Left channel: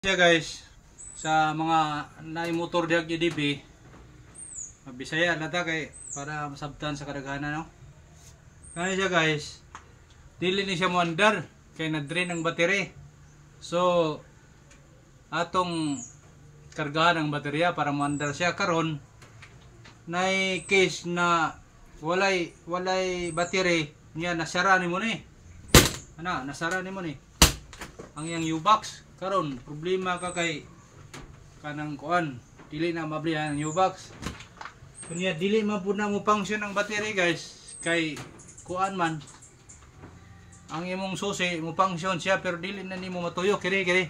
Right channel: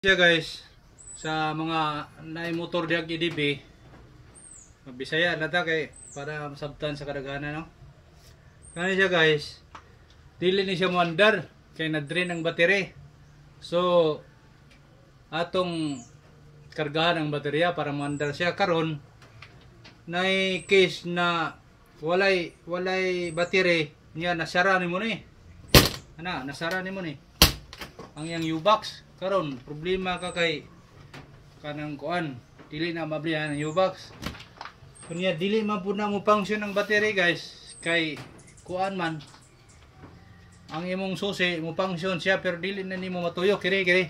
Siya guys, sa mga naimotor diag EDB, Bisaya nata kay para masabtan sa kadaghanan no. Kani siya guys, dili ni siya moandar kay na-drain ang battery. So atong kargahan ang baterya para moandar siya karon nay case na walay battery niya nasara nimo ni. Nasara nimo ni. Ang yang U-box karon problema ka kay kanang kuan dili na mablihan ang U-box kunya dili man pud na mo function ang battery guys kay kuan man ang imong susi mo function siya pero dili na nimo matuyok kiri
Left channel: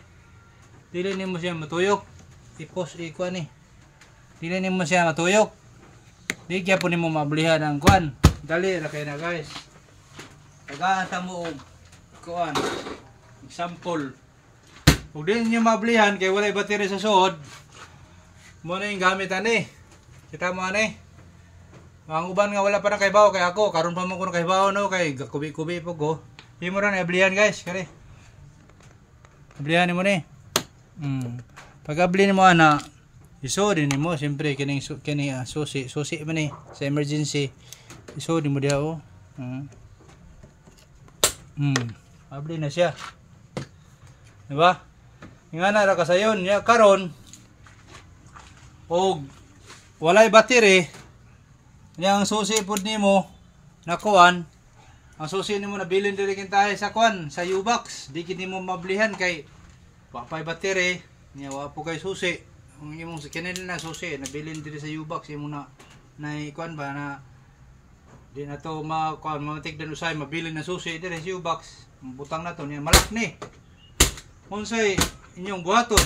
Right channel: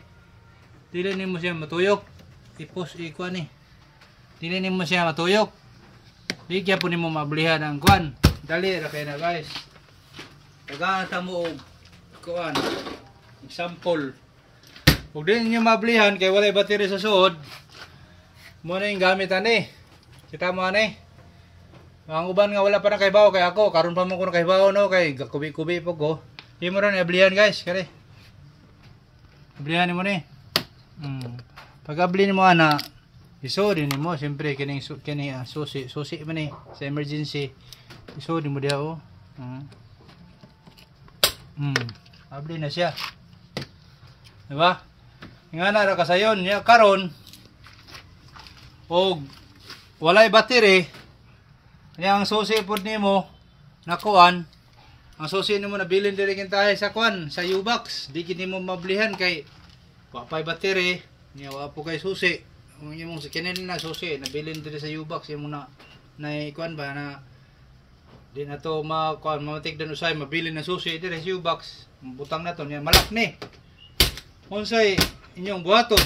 dili nimo siya matuyok tipos kuan ni dili nimo siya matuyok di kaya po nimo mablihan ang kuan dali ra kay na guys tagata mo og kuan example. Kung di nyo mablihan kay walay battery sa suod, mo na yung gamit ani. Kita mo ani. Ang uban nga wala pa na kaybaw kay ako, karon pa mo ko na kaybaw no kay kubi-kubi po ko. Di mo ra na ablihan guys, kare. Ablihan mo ni. Pag ablihan mo ana, isod ni mo siyempre kini susi man ni sa emergency. Isod mo dia oh. Abli na siya. Diba? Nga na ra kasayon niya karon og walay battery yang susi pud nimo nakuan ang susi nimo nabilin diri kintahe sa kuan sa U-box di kini mo mablihan kay wapay battery niya wa po kay susi ang imong kinin na susi nabilin diri sa U-box imo na kuan ba na di na to kuan matigdan usay mabilin na susi diri sa U-box butang na to niya malak ni unsay inyong buhaton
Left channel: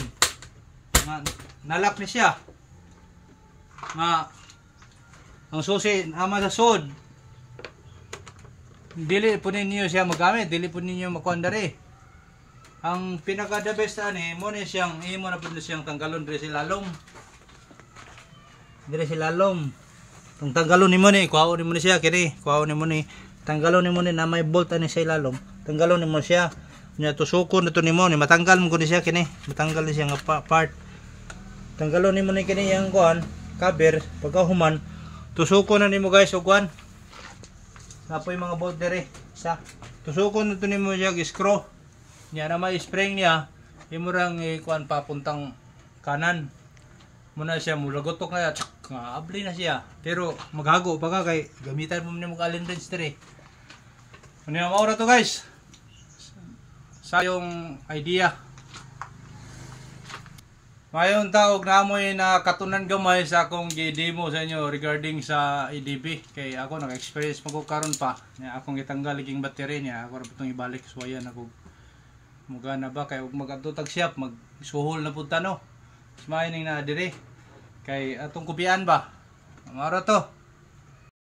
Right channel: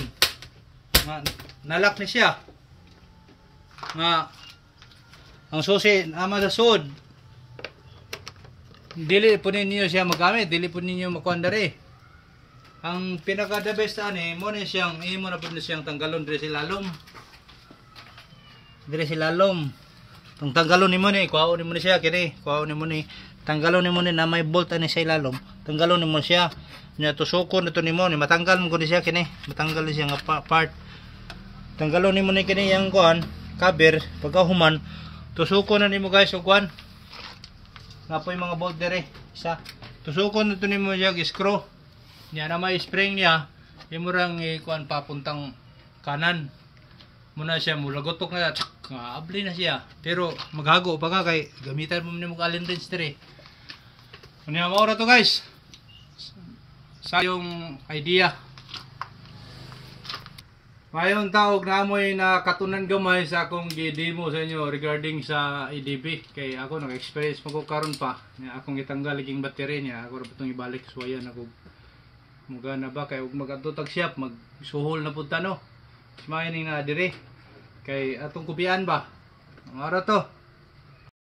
nga nalak ni siya nga ang susi ama sa sud dili po ninyo siya magamit dili po ninyo makuandari ang pinaka the best ani mo ni siyang imo na pud siyang tanggalon diri sa lalom tong tanggalon nimo ni kuhaon nimo ni siya kini kuhaon nimo ni tanggalon nimo ni na may bolt ani sa ilalom tanggalon nimo siya nya tusukon nito nimo ni matanggal mo kuni siya kini matanggal ni siya nga part tanggalon nimo ni kini yang kuan cover pagkahuman tusukon na nimo guys og kuan napoy mga bolt dire isa tusukon nito nimo siya screw nya na may spring niya imo rang kuan papuntang kanan muna siya mulagotok na abli na siya pero maghago pa ka kay gamitan mo nimo ka allen wrench dire ano yung maura to guys sa yung idea mayon taog na amoy na katunan gamay sa akong gi-demo sa inyo regarding sa EDB kay ako nag-experience magkaron pa niya akong gitanggal iging battery niya ako ra putong ibalik so yan ako mugana ba kay ug magadtog shop magsuhol na pud tano mining na dire kay atong kubian ba maro to